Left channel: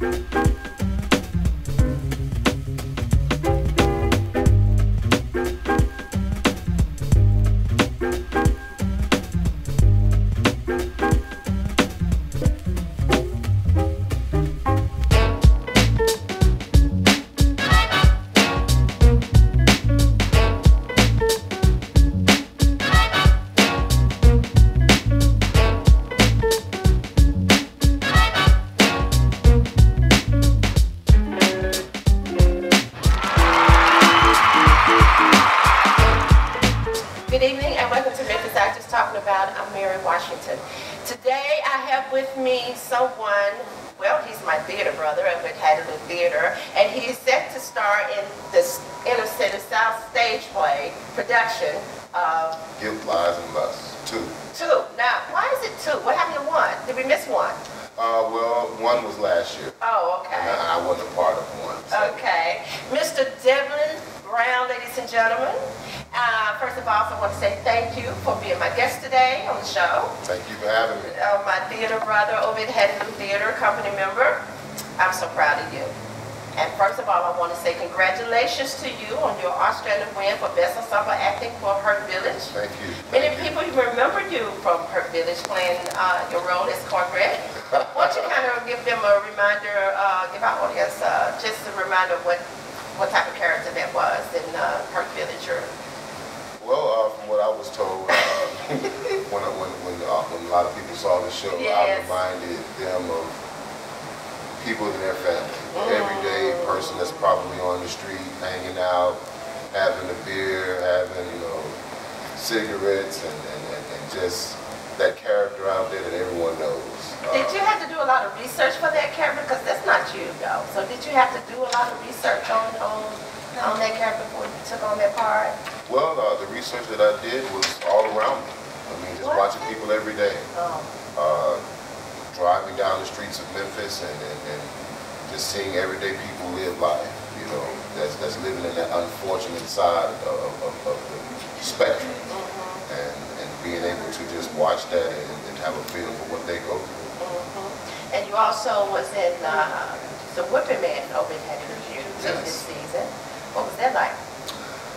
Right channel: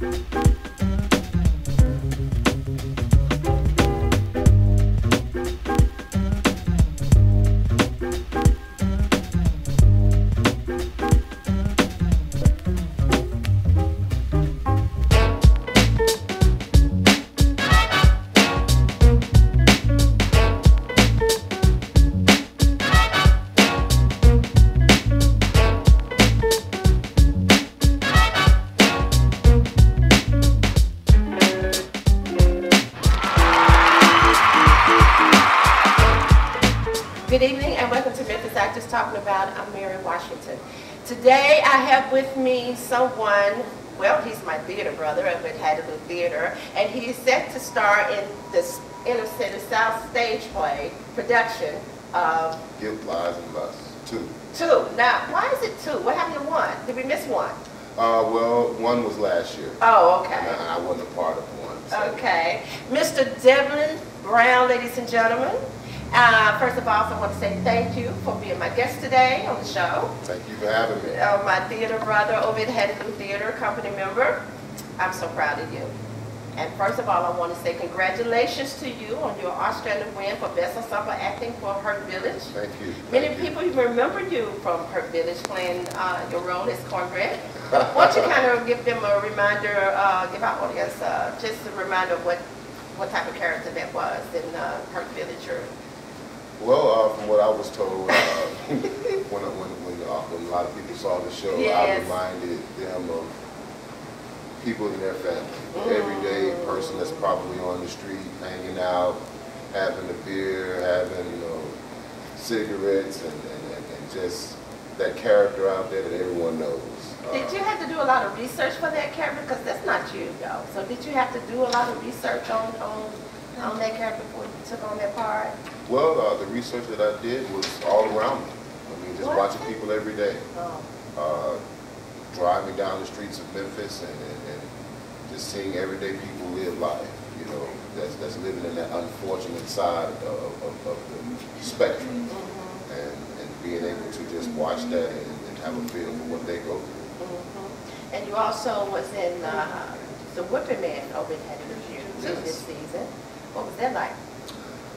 Good evening and welcome to Memphis Actors Talking About. I'm MaryAnn Washington. Today I have with me someone, well, he's my theater brother up at Evergreen Theatre, and he is set to star in this Inner City South stage play production of Guilt, Lies, and Lust. Two. Now, why is it two? What happened to one? Did we miss one? Well, one was last year. Oh, okay. And I wasn't a part of one. So. Okay. Mr. Delvyn Brown, ladies and gentlemen. First of all, I want to say thank you for being my guest today on the show. Thank you for having me. My theater brother over at Evergreen Theatre, company member. I'm so proud of you. And first of all, I want to say congratulations to you on your Australian win for Best Ensemble Acting for Hurt Village. Thank you. Many people remember you from Hurt Village playing your role as Cornbread. Why don't you kind of give them a reminder, give our audience just a reminder of what type of character that was in Hurt Village? Well, from what I was told, when a lot of people saw the show, yes. I reminded them of people in their family. Everyday person that's probably on the street, hanging out, having a beer, having, cigarettes, and just that character out there that everyone knows. Did you have to do a lot of research for that character? Because that's not you, though. So did you have to do a lot of research on that character before you took on that part? Well, the research that I did was all around me. I mean, just watching people every day. Driving down the streets of Memphis and just seeing everyday people live life, that's living in that unfortunate side of the spectrum. And being able to just watch that and have a feel for what they go through. And you also was in the Wicker Man over at Evergreen Theatre this season. What was that like?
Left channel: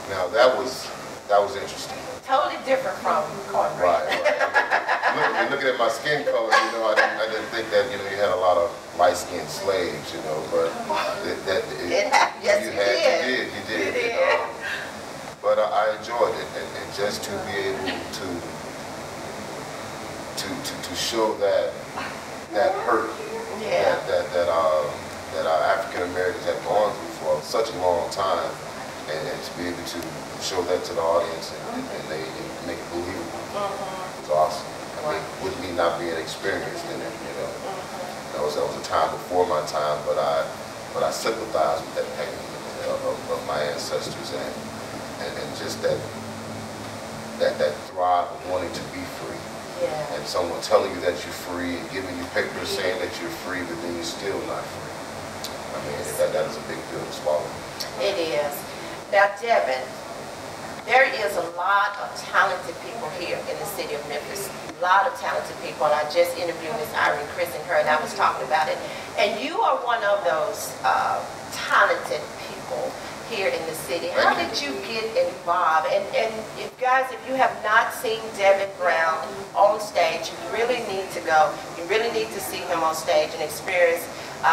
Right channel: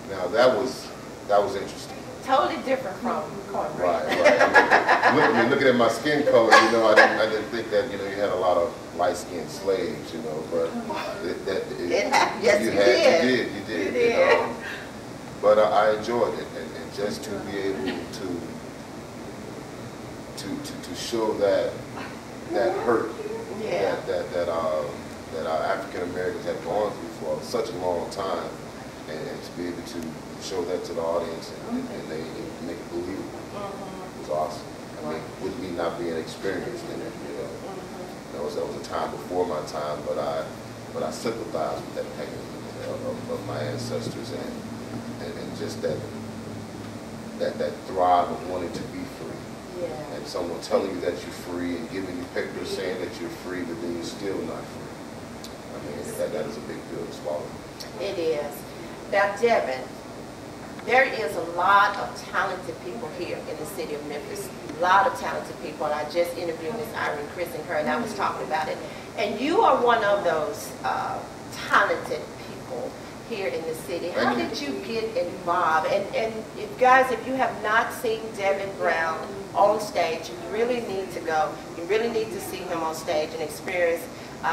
Now that was interesting. Totally different from Cornbread. Right. Looking at my skin color, I didn't think that you had a lot of light-skinned slaves, but you did. But I enjoyed it, and just to be able to show that hurt that our African Americans had gone through for such a long time, and to be able to show that to the audience and they make it believable was awesome. I mean, with me not being experienced in it, that was a time before my time, but I sympathize with that pain of my ancestors and just that thrive of wanting to be free. Yeah. And someone telling you that you're free and giving you papers saying that you're free, but then you're still not free. I mean, that is a big pill to swallow. It is. Now, Devin, there is a lot of talented people here in the city of Memphis. A lot of talented people, and I just interviewed Miss Irene Crist and her, and I was talking about it. And you are one of those talented people here in the city. How did you get involved? And if guys, if you have not seen Delvyn Brown on stage, you really need to go. You really need to see him on stage and experience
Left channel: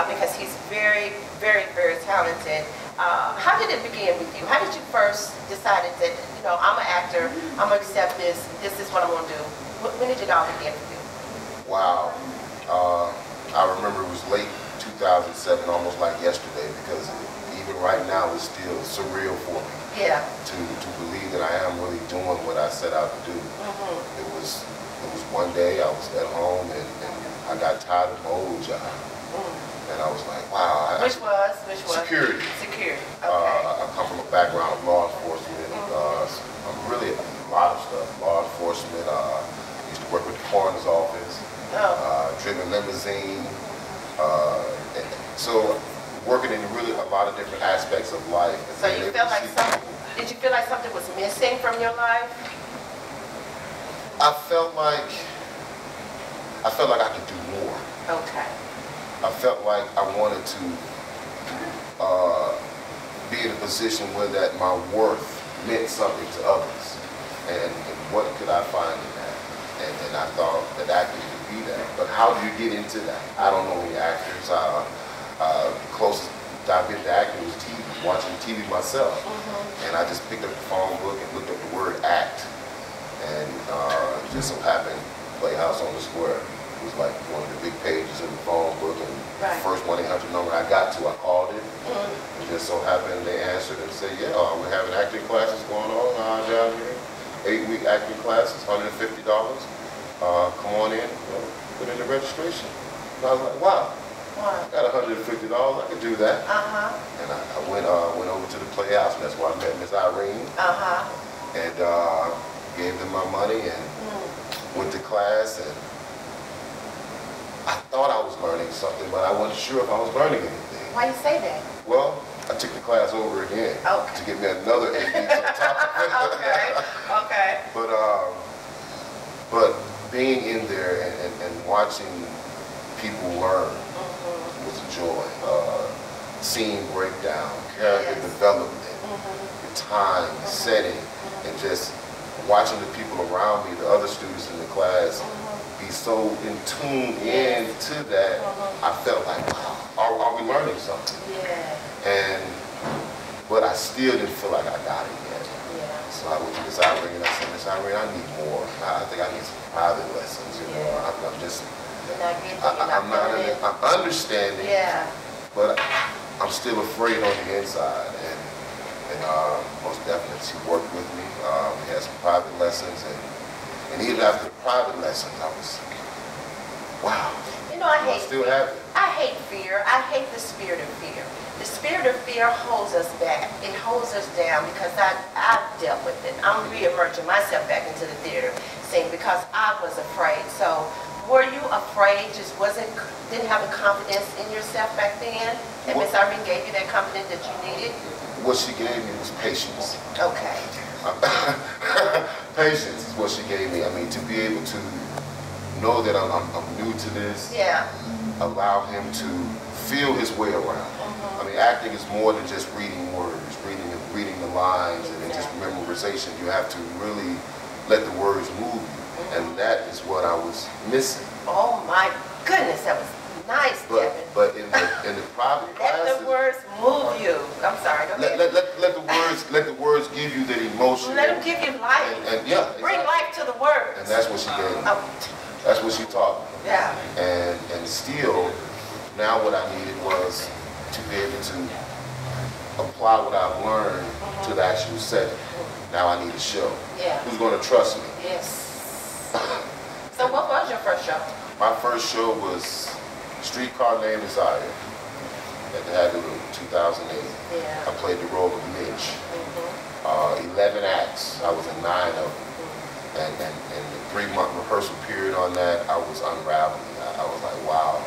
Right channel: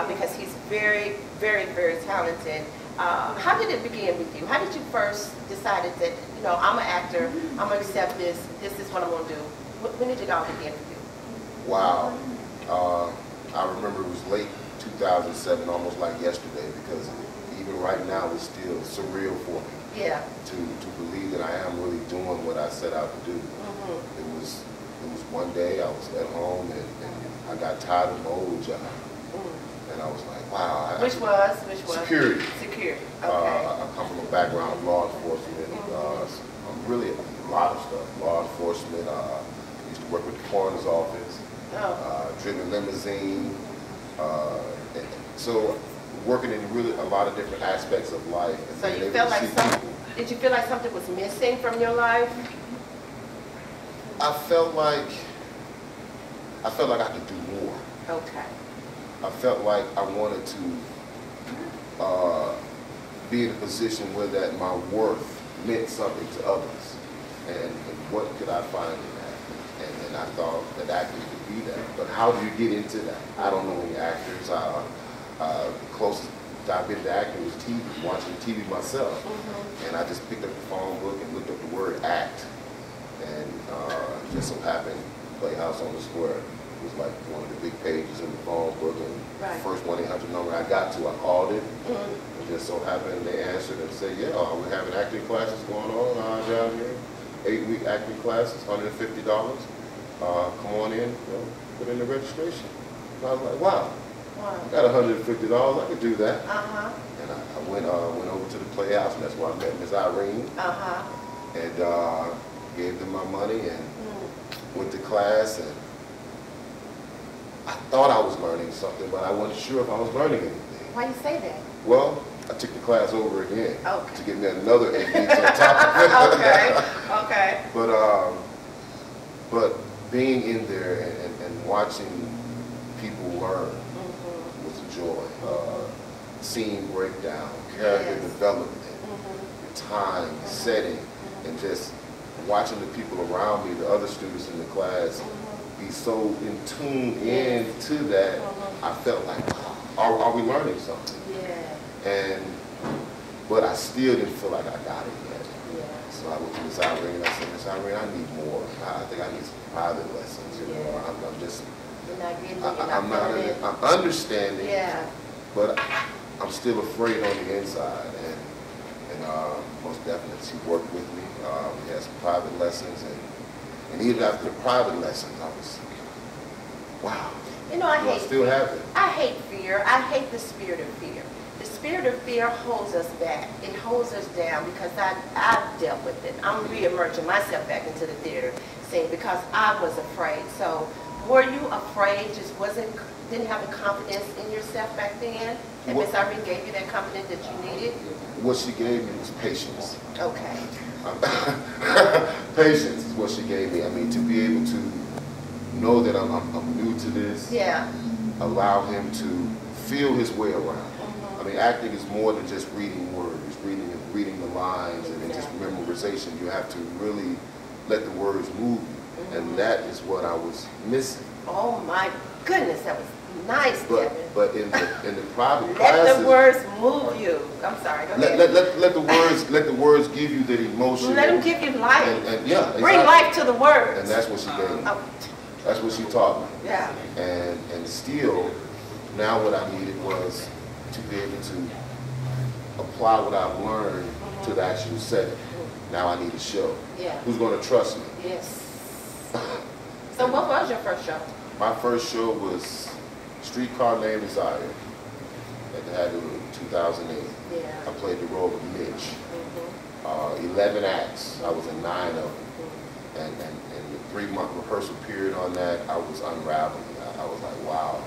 because he's very, very, very talented. How did it begin with you? How did you first decide that, I'm an actor, I'm going to accept this is what I'm going to do? When did it all begin with you? Wow. I remember it was late 2007, almost like yesterday, because even right now it's still surreal for me. Yeah. To believe that I am really doing what I set out to do. It was one day I was at home and I got tired of my old job. And I was like, wow. Which was? Security. Security, okay. I come from a background of law enforcement. I'm really a lot of stuff. Law enforcement, used to work with the coroner's office, driven limousine. So working in really a lot of different aspects of life. So you felt like did you feel like something was missing from your life? I felt like I could do more. Okay. I felt like I wanted to be in a position where that my worth meant something to others. And what could I find in that? And I thought that acting could be that. But how do you get into that? I don't know any actors. Closest I've been to acting was TV, watching TV myself. And I just picked up the phone book and looked up the word act. And it just so happened Playhouse on the Square was like one of the big pages in the phone book, and the first 1-800 number I got to, I called it. It just so happened they answered and said, yeah, we're having acting classes going on down here. 8-week acting classes, $150. Come on in, put in the registration. And I was like, wow, I got $150, I could do that. And I went over to the Playhouse, and that's where I met Miss Irene. And gave them my money and went to class, and I thought I was learning something, but I wasn't sure if I was learning anything. Why you say that? Well, I took the class over again to give me another 8 weeks on top of it. Okay. But being in there and watching people learn was a joy. Scene breakdown, character development, the time, the setting, and just watching the people around me, the other students in the class, be so in tune into that, I felt like, wow, are we learning something? But I still didn't feel like I got it yet. So I went to Miss Irene and I said, Miss Irene, I need more. I think I need some private lessons. I'm understanding, but I'm still afraid on the inside. And most definitely she worked with me. We had some private lessons, and even after the private lessons, I was, wow. You know, I still have it. I hate fear. I hate the spirit of fear. The spirit of fear holds us back. It holds us down because I've dealt with it. I'm re-emerging myself back into the theater scene because I was afraid. So were you afraid, just didn't have the confidence in yourself back then? And Miss Irene gave you that confidence that you needed? What she gave me was patience. Okay. Patience is what she gave me. I mean, to be able to know that I'm new to this, allow him to feel his way around. I mean, acting is more than just reading words, reading the lines, and then just memorization. You have to really let the words move you, and that is what I was missing. Oh my goodness, that was nice, Devin. But in the private classes, let the words move you. I'm sorry. Go ahead. Let the words give you that emotion. Let them give you life. And yeah, exactly. Bring life to the words. And that's what she gave me. That's what she taught me. Yeah. And still, now what I needed was to be able to apply what I've learned to the actual setting. Now I need a show. Yeah. Who's going to trust me? Yes. So what was your first show? My first show was Streetcar Named Desire at the Haggard in 2008. Yeah. I played the role of Mitch. 11 acts. I was in 9 of them. And the 3-month rehearsal period on that, I was unraveling. I was like, wow.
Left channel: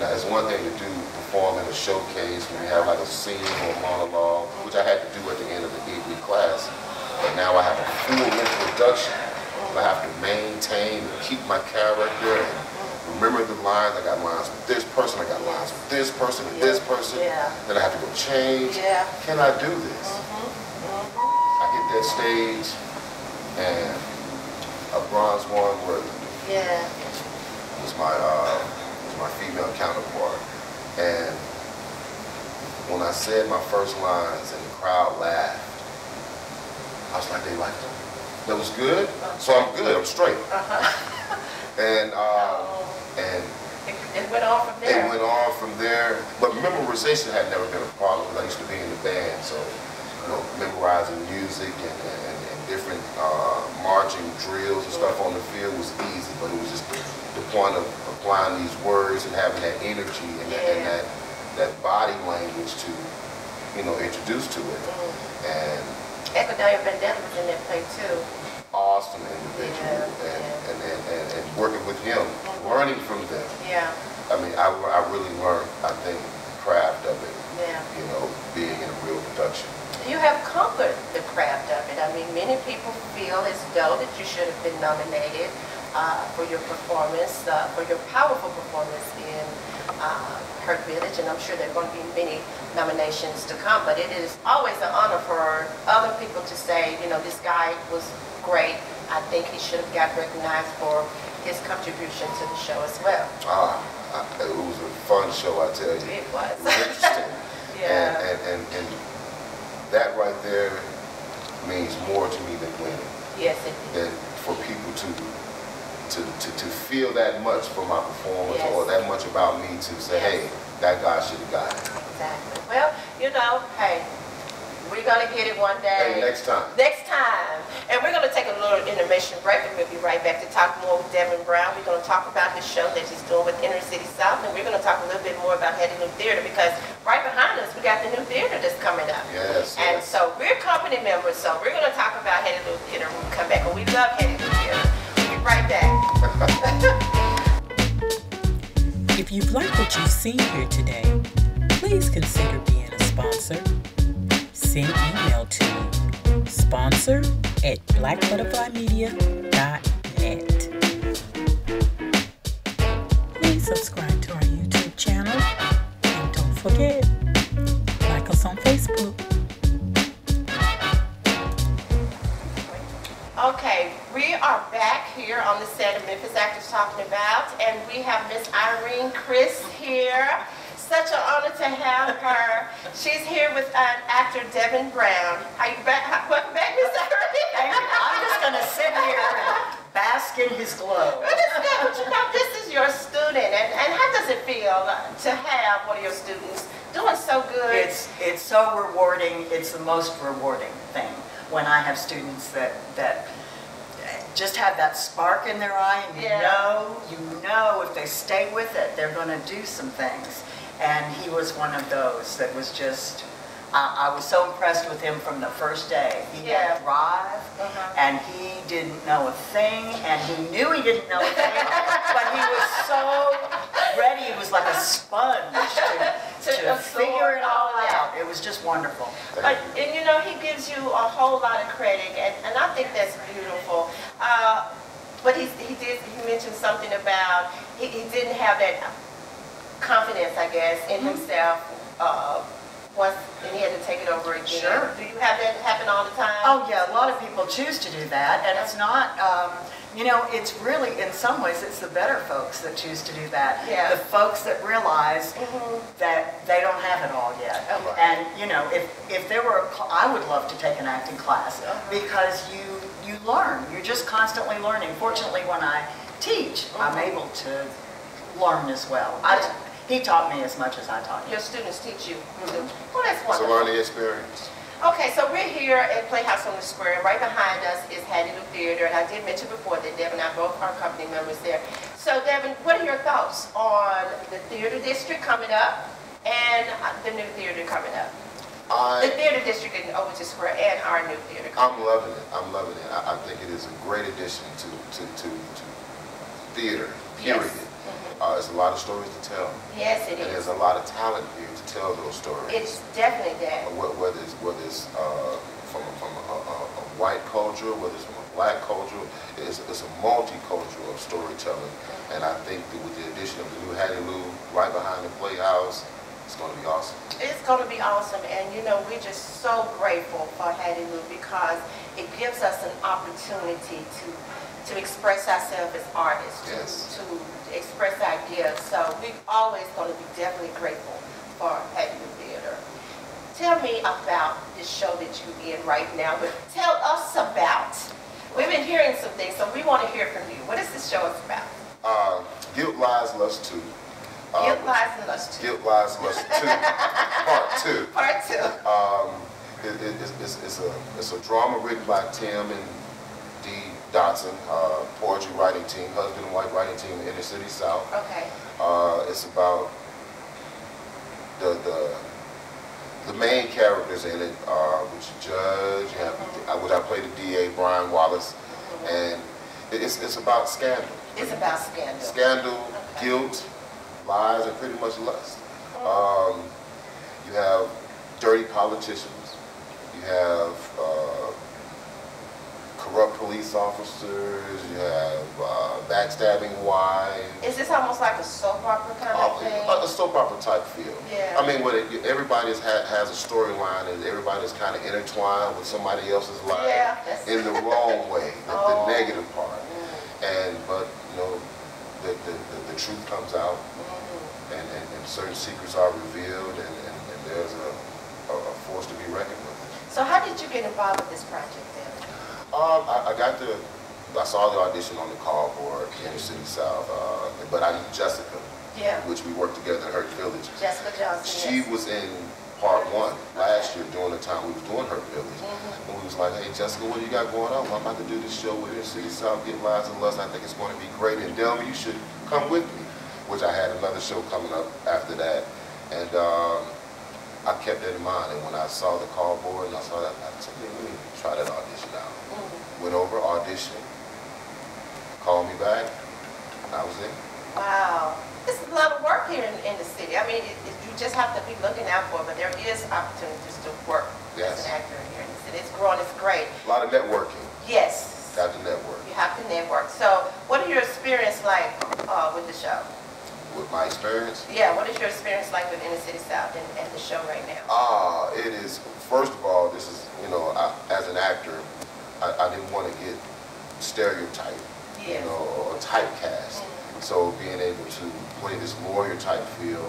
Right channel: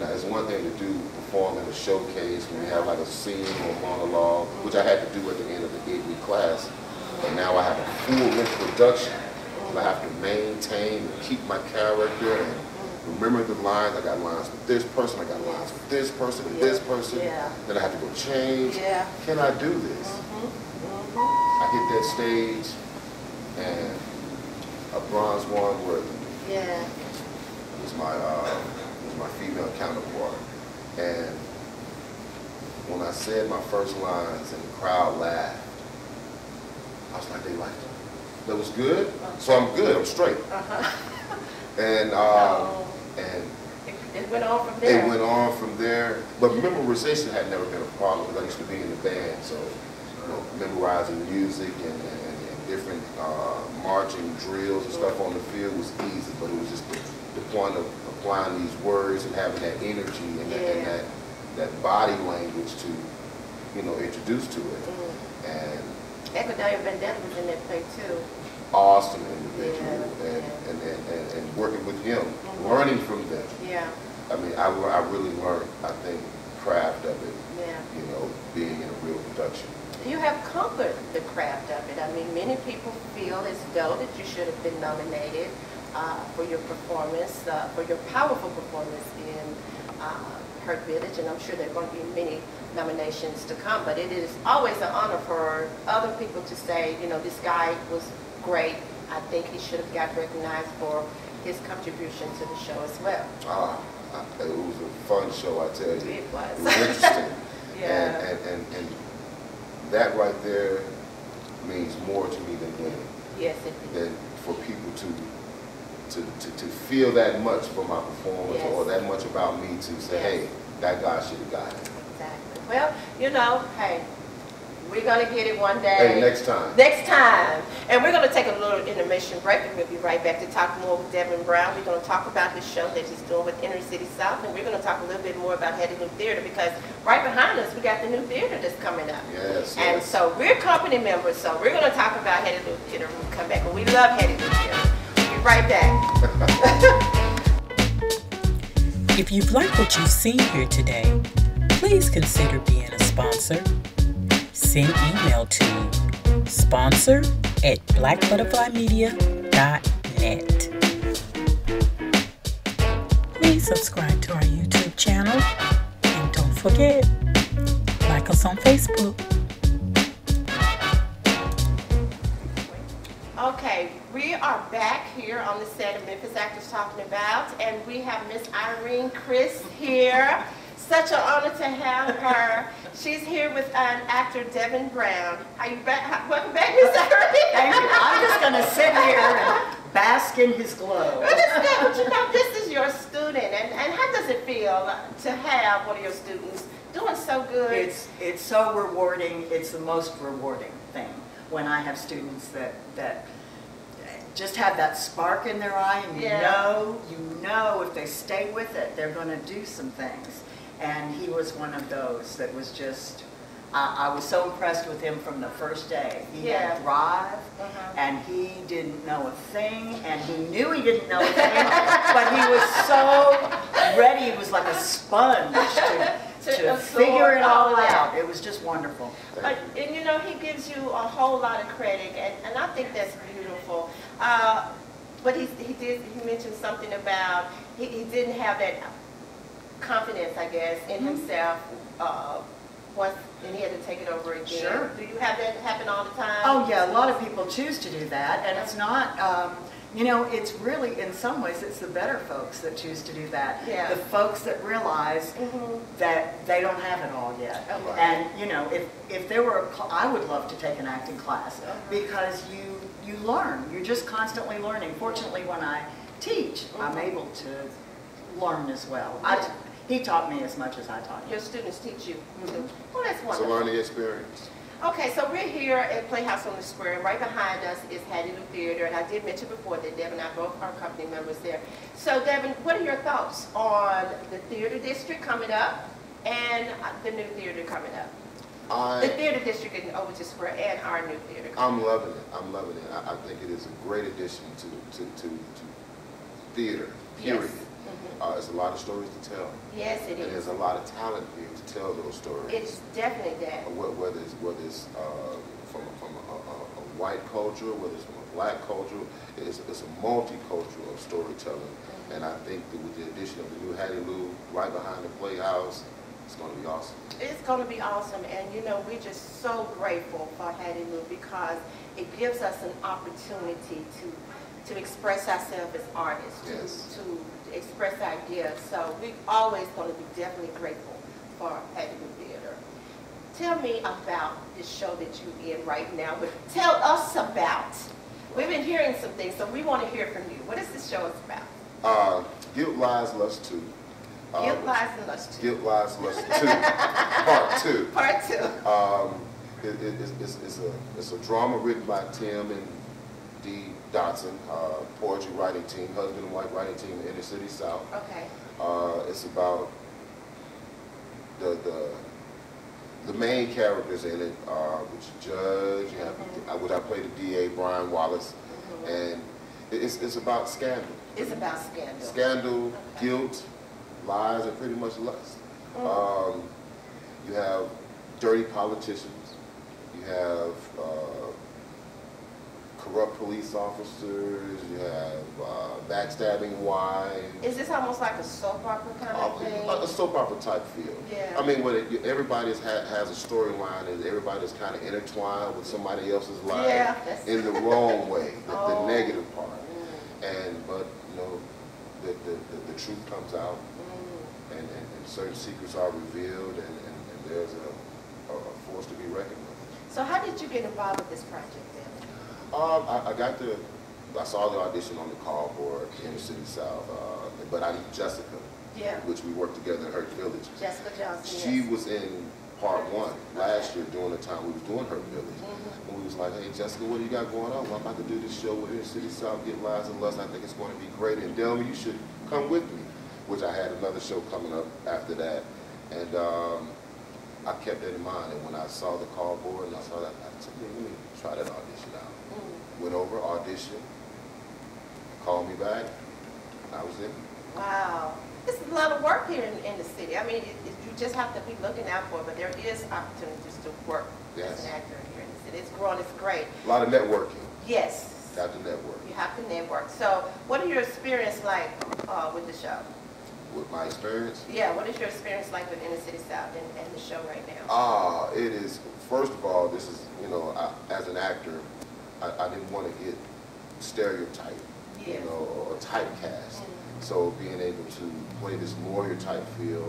Now, it's one thing to perform in a showcase when you have like a scene or a monologue, which I had to do at the end of the 8-week class. But now I have a full-length production. I have to maintain and keep my character and remember the lines. I got lines with this person, I got lines with this person and this person. Then I have to go change. Can I do this? I hit that stage and a bronze one worthy. Was my female counterpart. And when I said my first lines and the crowd laughed, I was like, they liked it. That was good, so I'm good, I'm straight. And it went on from there. It went on from there, but memorization had never been a problem because I used to be in the band, so memorizing music and different marching drills and stuff on the field was easy, but it was just the point of applying these words and having that energy and that body language to, introduce to it. And Ecuador Bandana was in that play too. Awesome individual, and working with him, learning from them. I mean, I really learned, I think, the craft of it, being in a real production. You have conquered the craft of it. I mean, many people feel as though that you should have been nominated for your performance, for your powerful performance in Hurt Village, and I'm sure there are going to be many nominations to come, but it is always an honor for other people to say, you know, this guy was great. I think he should have got recognized for his contribution to the show as well. It was a fun show, I tell you. It was. It was interesting. Yeah. And that right there means more to me than winning. Yes, it did. Than for people to feel that much for my performance, yes, or that much about me to say, yes, hey, that guy should have got it. Exactly. Well, you know, hey, we're going to get it one day. Hey, next time. Next time. And we're going to take a little intermission break, and we'll be right back to talk more with Delvyn Brown. We're going to talk about his show that he's doing with Inner City South, and we're going to talk a little bit more about Hattie Lou Theater, because right behind us, we got the new theater that's coming up. Yes. And so we're company members, so we're going to talk about Hattie Lou Theater when we come back. And we love Hattie Lou Theater. We'll be right back. If you've liked what you've seen here today, please consider being a sponsor. Send email to sponsor@blackbutterflymedia.net. Please subscribe to our YouTube channel, and don't forget, like us on Facebook. Okay, we are back here on the set of Memphis Actors Talking About, and we have Miss Irene Crist here. Such an honor to have her. She's here with actor Delvyn Brown. Are you back? Welcome back, Miss Irene. Thank you. I'm just going to sit here and bask in his glow. But you know, this is your student, and how does it feel to have one of your students doing so good? It's so rewarding. It's the most rewarding thing when I have students that just have that spark in their eye, and you know if they stay with it, they're going to do some things. And he was one of those that was just, I was so impressed with him from the first day. He had drive, and he didn't know a thing, and he knew he didn't know a thing, but he was so ready. He was like a sponge to figure it all out. It was just wonderful. And you know, he gives you a whole lot of credit, and I think that's beautiful. But he mentioned something about he didn't have that confidence, I guess, in himself once, and he had to take it over again. Sure. Do you have that happen all the time? Oh yeah, a lot of people choose to do that, and it's not, you know, it's really, in some ways, it's the better folks that choose to do that. Yeah. The folks that realize that they don't have it all yet. Okay. And, you know, if there were, I would love to take an acting class, because you learn. You're just constantly learning. Fortunately, when I teach, I'm able to learn as well. He taught me as much as I taught him. Your students teach you. Well, that's It's a wonderful. learning experience. Okay, so we're here at Playhouse on the Square, and right behind us is Hattie Lou Theater, and I did mention before that Delvyn and I both are company members there. So Delvyn, what are your thoughts on the theater district coming up and the new theater coming up? The theater district in Overton Square and our new theater coming up. I'm loving it. I'm loving it. I think it is a great addition to theater, period. Yes. There's a lot of stories to tell. Yes, it And is. there's a lot of talent here to tell those stories. It's definitely that. Whether it's from a white culture, whether it's from a black culture, it's a multicultural of storytelling. And I think that with the addition of the new Hattie Lou right behind the Playhouse, it's going to be awesome. It's going to be awesome, and you know, we're just so grateful for Hattie Lou, because it gives us an opportunity to express ourselves as artists, Yes. to express ideas. So we're always going to be definitely grateful for Hattie Lou Theater. Tell me about this show that you're in right now, but tell us about. We've been hearing some things, so we want to hear from you. What is this show about? Guilt, Lies, Lust 2. Guilt, Lies, and Lust 2. Guilt, Lies, Lust 2. Part 2. Part 2. It's a drama written by Tim and Dee Dotson, poetry writing team, husband and wife writing team in Inner City South. Okay. It's about the main characters in it, which Judge, which I play the DA, Brian Wallace, and it's about scandal. It's about scandal. Scandal, guilt, lies, and pretty much lust. You have dirty politicians. You have corrupt police officers, you have backstabbing wives. Is this almost like a soap opera kind of thing? A soap opera type feel. Yeah. I mean, everybody has a storyline, and everybody's kind of intertwined with somebody else's life in the wrong way, the negative part. But you know, the truth comes out, and certain secrets are revealed, and there's a force to be reckoned with. So how did you get involved with this project then? I saw the audition on the cardboard in the City South, but I knew Jessica, which we worked together in Hurt Village. Jessica Johnson. She was in part 1 last year during the time we was doing Hurt Village. And we was like, hey Jessica, what do you got going on? Well, I'm about to do this show with the City South, Get Lives and Lust. I think it's going to be great. And Delvyn, you should come with me, which I had another show coming up after that. And I kept that in mind, and when I saw the cardboard and I saw that, I said, let me try that audition out. Went over, auditioned, called me back, and I was in. Wow. This is a lot of work here in the city. I mean, you just have to be looking out for it, but there is opportunities to work as an actor here in the city. It's growing, it's great. A lot of networking. Yes. Got to network. You have to network. So what are your experience like with the show? With my experience? Yeah, what is your experience like with Inner City South and the show right now? It is, first of all, this is, you know, as an actor, I didn't want to get stereotyped, you know, or typecast. So being able to play this lawyer type feel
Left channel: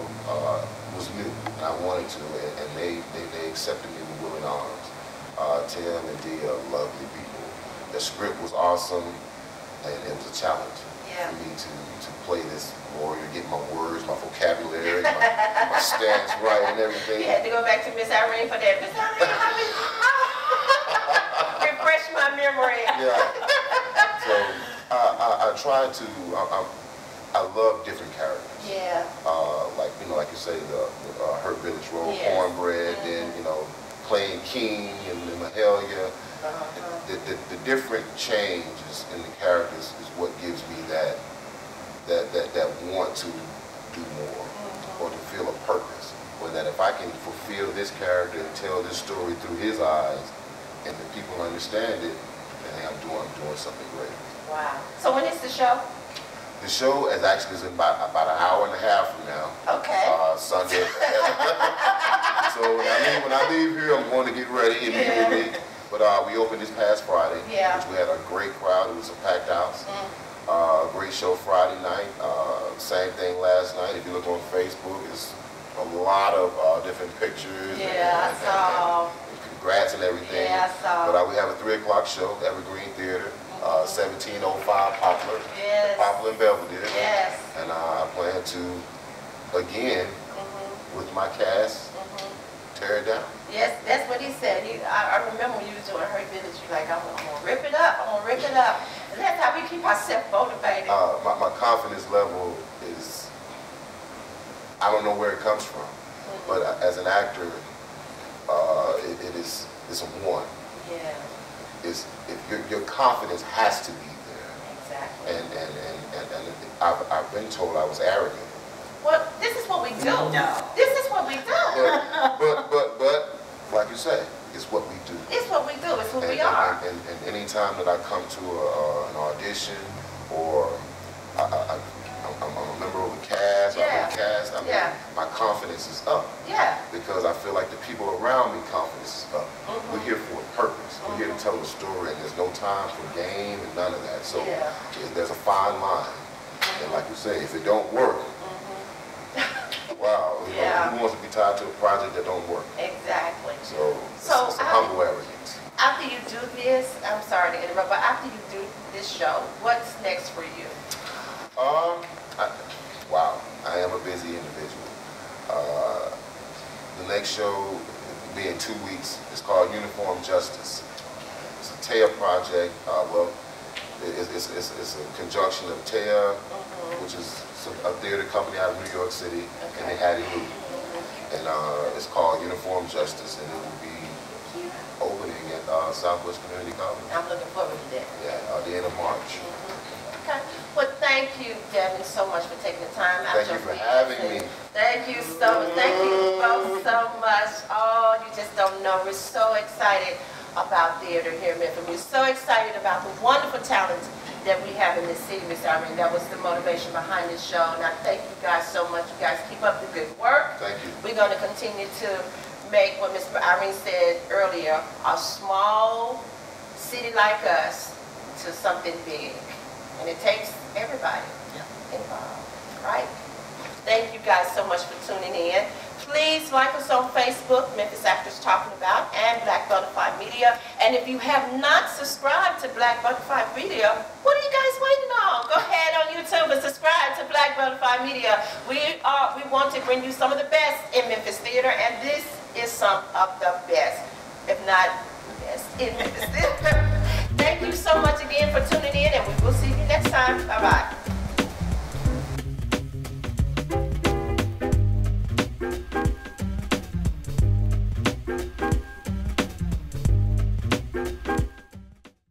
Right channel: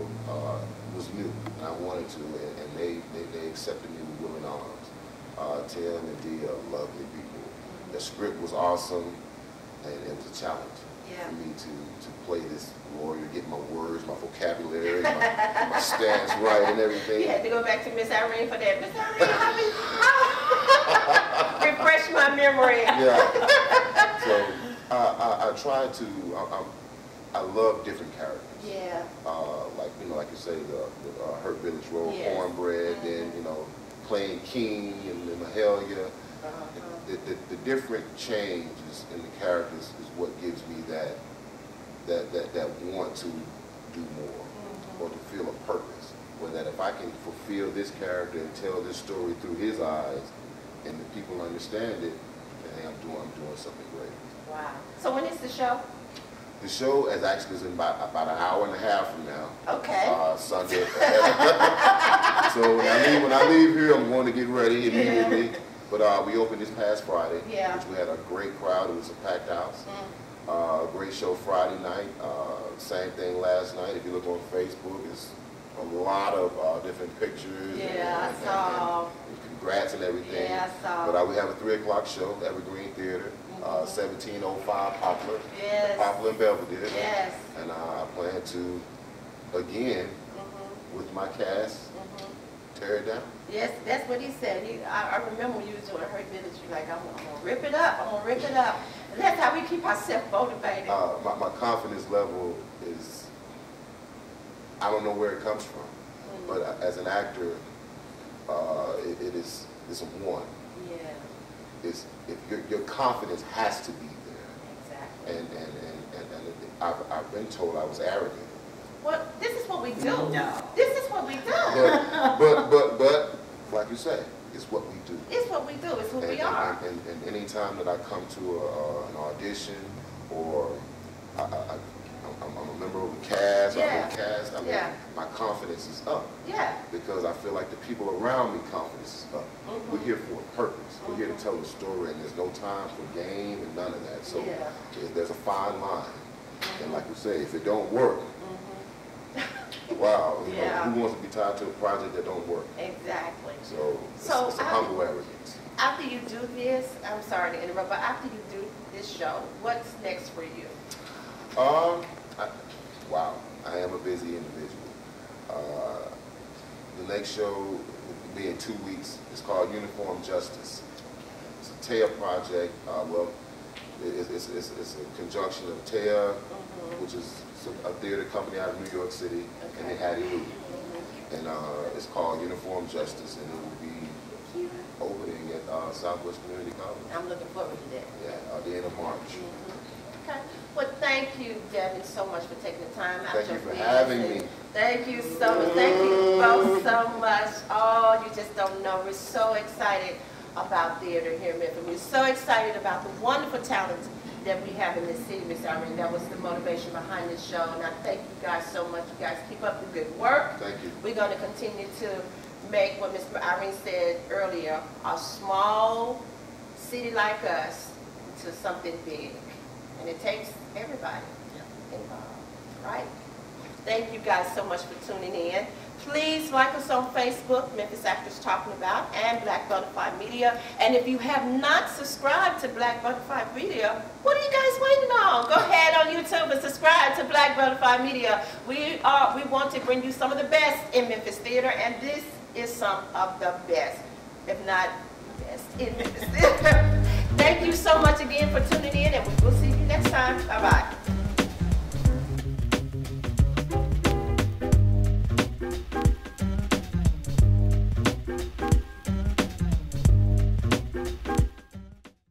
was new, and I wanted to, and they accepted me with willing arms. Tim and Dee are lovely people. The script was awesome, and it was a challenge for me to play this lawyer, get my words, my vocabulary, my stance right and everything. You had to go back to Miss Irene for that. Miss Irene, refresh my memory. Yeah. So I tried to. I love different characters. Yeah. Like you say, the Hurt Village role, Cornbread, then playing King and Mahalia. The different changes in the characters is what gives me that want to do more, or to feel a purpose. Or that if I can fulfill this character and tell this story through his eyes, and the people understand it, then I'm doing something great. Wow. So when is the show? The show is in about an hour and a half from now. Okay. Sunday. So when I leave here, I'm going to get ready immediately. But we opened this past Friday, which we had a great crowd. It was a packed house. Great show Friday night. Same thing last night. If you look on Facebook, it's a lot of different pictures. Yeah, I saw. And congrats and everything. Yeah, I saw. But we have a 3 o'clock show, Evergreen Theatre. 1705 Poplar. Yes. Poplar and Belvedere. Yes. And I plan to, again, with my cast, tear it down. Yes, that's what he said. I remember when you was doing Hurt Village, you're like, I'm going to rip it up. I'm going to rip it up. And that's how we keep ourselves motivated. My confidence level is, I don't know where it comes from. But as an actor, it's a one. Yeah. Your confidence has to be there. Exactly. And I've been told I was arrogant. Well, this is what we do. No. This is what we do. But like you say, it's what we do. It's what we do. It's who we are. And any time that I come to an audition, or I'm a member of a cast, my confidence is up. Yeah. Because I feel like the people around me, confidence is up. We're here for a purpose. We're here to tell a story, and there's no time for game and none of that. So there's a fine line. And like you say, if it don't work, wow, who wants to be tied to a project that don't work? Exactly. So it's a humble arrogance. After you do this, I'm sorry to interrupt, but after you do this show, what's next for you? Wow, I am a busy individual. The next show will be in 2 weeks. It's called Uniform Justice. It's a TEA project. It's a conjunction of TEA, which is a theater company out of New York City, and they had it. And it's called Uniform Justice, and it will be opening at Southwest Community College. I'm looking forward to that. Yeah, the end of March. Okay. Well, thank you, Delvyn, so much for taking the time out. Thank you for having me. Thank you so much. Thank you both so much. Oh, you just don't know. We're so excited about theater here in Memphis. We're so excited about the wonderful talent that we have in this city, Ms. Irene. That was the motivation behind this show. And I thank you guys so much. You guys keep up the good work. Thank you. We're going to continue to make what Ms. Irene said earlier, a small city like us to something big. And it takes everybody involved, right? Thank you guys so much for tuning in. Please like us on Facebook, Memphis Actors Talking About, and Black Butterfly Media. And if you have not subscribed to Black Butterfly Media, what are you guys waiting on? Go ahead on YouTube and subscribe to Black Butterfly Media. We want to bring you some of the best in Memphis theater, and this is some of the best, if not best, in Memphis theater. Thank you so much again for tuning in.